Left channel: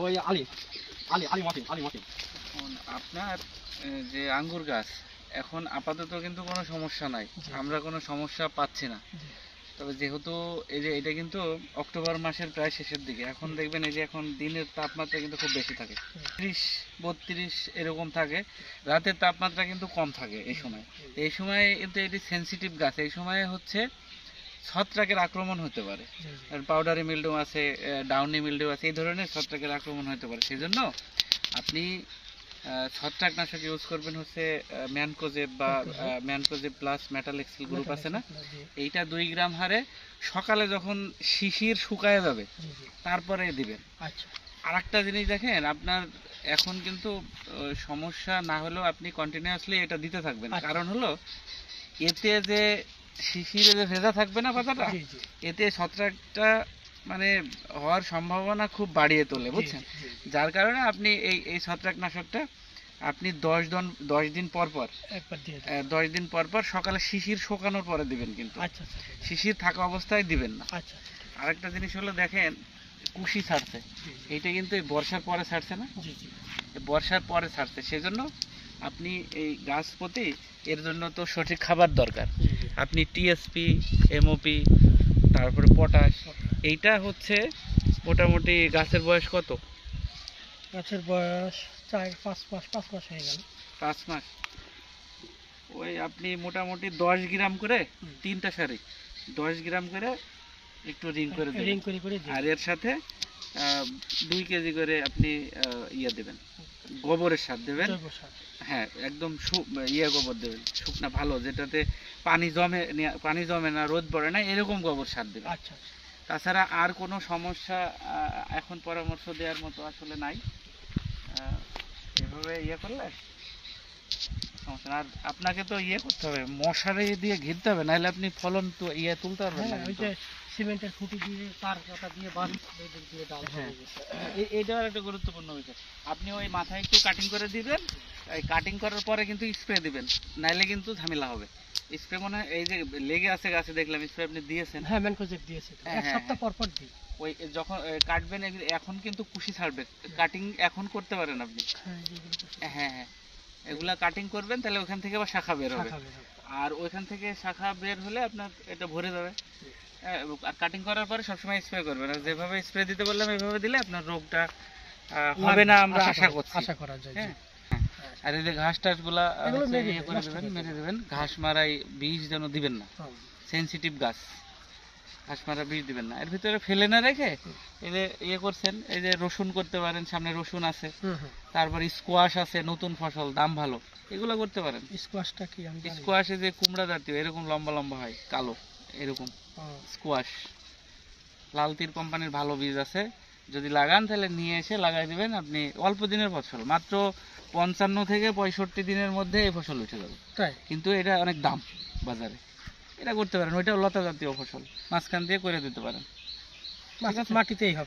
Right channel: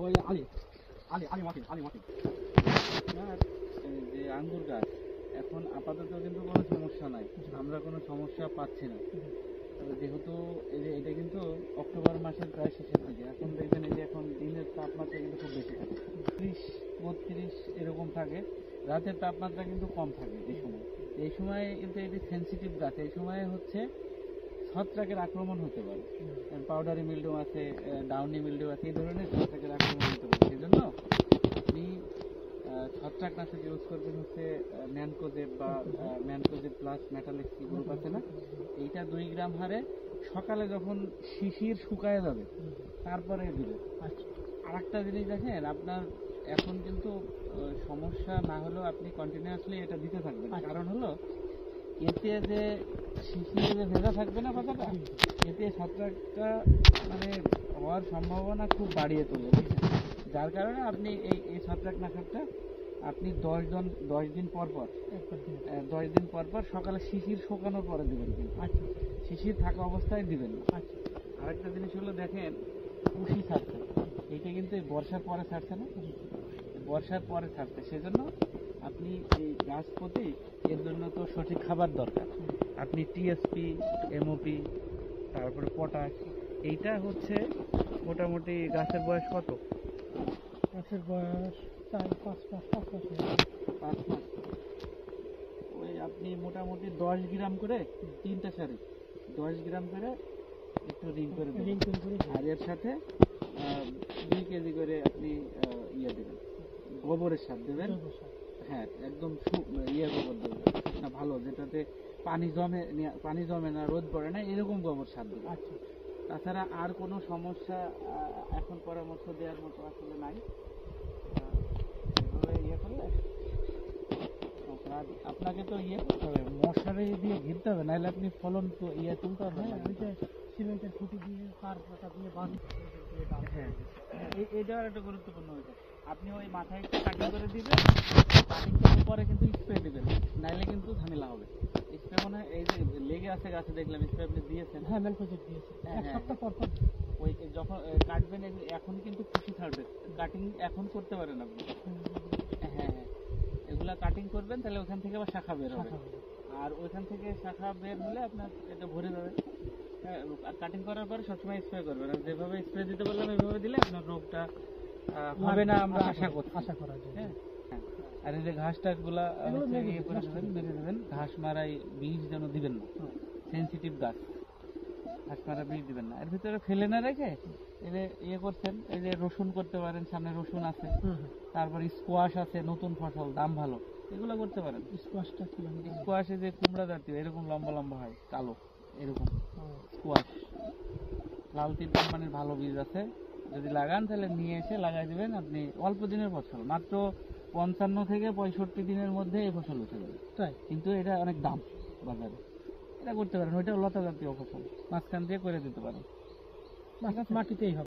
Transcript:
ওই আলি আলি আলি মাফিন আলি মাফিন। আপনার যে আঙ্গুর গাছ এখন আপাতত কিন্তু কোনো সমস্যা নাই, আমরা কোনো সমস্যা পাচ্ছি না। তবে যেহেতু এই যে এটা কিন্তু অক্টোবর মাসের প্রায় শেষের দিকে, এখন দেখবেন এই যে এখন দিনের তাপমাত্রা কিন্তু খুব বেশি থাকে, 30-32 এরকম থাকে, রাতের তাপমাত্রা কিন্তু কম থাকে এই সময়। এই সময় কিন্তু এটি সেনসিটিভ গাছ, এই সময় হচ্ছে ছত্রাকের আক্রমণ হতে পারে, পাউডারি মিল্ডিউ আছে, ডাউনি মিল্ডিউ আছে, এই ধরনের ছত্রাকের আক্রমণ হতে পারে। সেই জন্য আপনি ছত্রাকনাশক ইউজ করবেন হচ্ছে ম্যানকোজেব বা ম্যানকোজেব প্লাস মেটালেক্সিল গ্রুপ আছে না, এইটা 2 গ্রাম হারে সকালে যখন শিশির শুকায় যাবে তারপরে দিবেন। আর একটা জিনিস দেখেন, আপনার এখন কিন্তু সমস্যা না হলেও আপনি কন্টিনিউয়াসলি এটা দিতে থাকবেন, কারণ হলো এতে যে শিশিরে যে ভেজা থাকবে না পাতাটা, এতে ছত্রাকটা মানে হওয়ার সম্ভাবনা খুব বাড়িয়ে তোলে, বুঝছেন? যার কারণে আপনি এই ছত্রাকনাশকটা আপনি 10 দিন পর পর 10 দিন পর পর সকালে শিশির শুকানোর পরে দিবেন, কিন্তু শিশির থাকা অবস্থায় দিবেন না। আরেকটা জিনিস হলো দেখেন, কুশি ছাড়ছে, এইটা কিন্তু এই বর্ষার পরে ছাড়ছে না, বর্ষার পরে ছাড়ছে, সেজন্য আপনি এই গাছ প্রতি এর জন্য তো সঠিক খাবার দরকার। আপনি টিএসপি, এমওপি, তারপরে পটাশ, এইটা হচ্ছে মোটামুটি গাছের বয়স কত? গাছের বয়স 4-5 মাস, 5 মাস হয়ে গেছে। 5 মাস। ওই আপনি মোটামুটি 10 গ্রাম করে 3টা সারি 10 গ্রাম করে একটু রিং করে দেবেন, আর এর সাথে 2 কেজি করে আপনি ইয়ে দেবেন, গোবরের সার দেবেন। হ্যাঁ, একদম ইয়ে গোবর দেবেন, শুকনা ভালো, যেটাতে পানি জমে না, রোদ পড়ে না, এরকম গোবর সার দেবেন। তাছাড়া আর কোনো সমস্যা এখন পরামর্শ দেওয়ার মতো আসলে নাই। এভাবে ইয়ে করলে সমস্যা না। আর আপনাকে তো ইয়ে করতে হবে, মশারি দিয়ে ঘিরতে হবে, নাহলে আপনি ফলন তো ইয়ে তুলতে পারবেন না। ওই যে সিমেন্টের খুঁটি দিয়ে তার কাটা দিয়ে বাঁধ দিয়ে ডাল। হ্যাঁ, এইটাও একটা গুরুত্বপূর্ণ বিষয়। আপনি ওই মাথায় একটু কাটিং করে দিবেন, কাটিং করার পরে কিন্তু স্প্রে দিবেন, নাইলে কিন্তু ঝামেলা হবে। স্প্রে মনে হয় এই যে লেগে আছে গাছে, দেখলাম স্প্রে আপনি দিয়েছেন। হ্যাঁ, ম্যানকোজেব দিয়েছে, এক সপ্তাহ পর পর। ওই যখন কাটবেন এখন কিন্তু কুশি ছাড়বে, কাটিং এখন করতে পারেন আপনি। হ্যাঁ হ্যাঁ, এগুলা কাটিং করবেন, তাহলে ওখান থেকে আবার শাখা বের হবে, আর ওইখান থেকে শাখা বের হলে আপনার এটা ভরে যাবে। আর কাটিং করার পরে সবসময় স্প্রে করবেন, আর যেভাবে স্প্রে দিতে বললাম এইভাবে দিলে আপনার রোগটা হবে না, আমরা আশা করা যায়। হ্যাঁ, আর এই যে ঘাস টাস গুলা ইয়ে করে দেবেন, মেরে দেবেন। ঘাস মারাই বীজ যেন দিবেন না, সেনসিটিভ গাছ, ঘাস মারা বীজ দিবেন না। এর ভিতরে ফেলে না রেখে এই যে ইয়ে করছেন, এই যে রসুন করতে পারেন, সামনে রসুন আছে, তারপর স্কোয়াশ আছে, নতুন ফসল, দাম ভালো, এগুলো করতে পারেন। স্কোয়াশটা কি? স্কোয়াশে যে কুমড়া জাতীয় এরকম লম্বা লম্বা হয়, কালো, এরকম স্কোয়াশ। লাল তীর কোম্পানির ভালো বীজ আছে, যদি লাগান তাহলে নিয়ে এসে লাগাই দিবেন। আপনি অল্প দিনের ফসল, মাত্র 55 থেকে 65 দিনের মধ্যে এই ফসল উঠে যাবে, কিন্তু এটা অনেক দাম বাজারে। এটা করতে পারেন, ওইটাও লতা জাতীয় ফসল, মাঝখান দিয়ে করে দিতে পারেন, মাটিতেই হবে।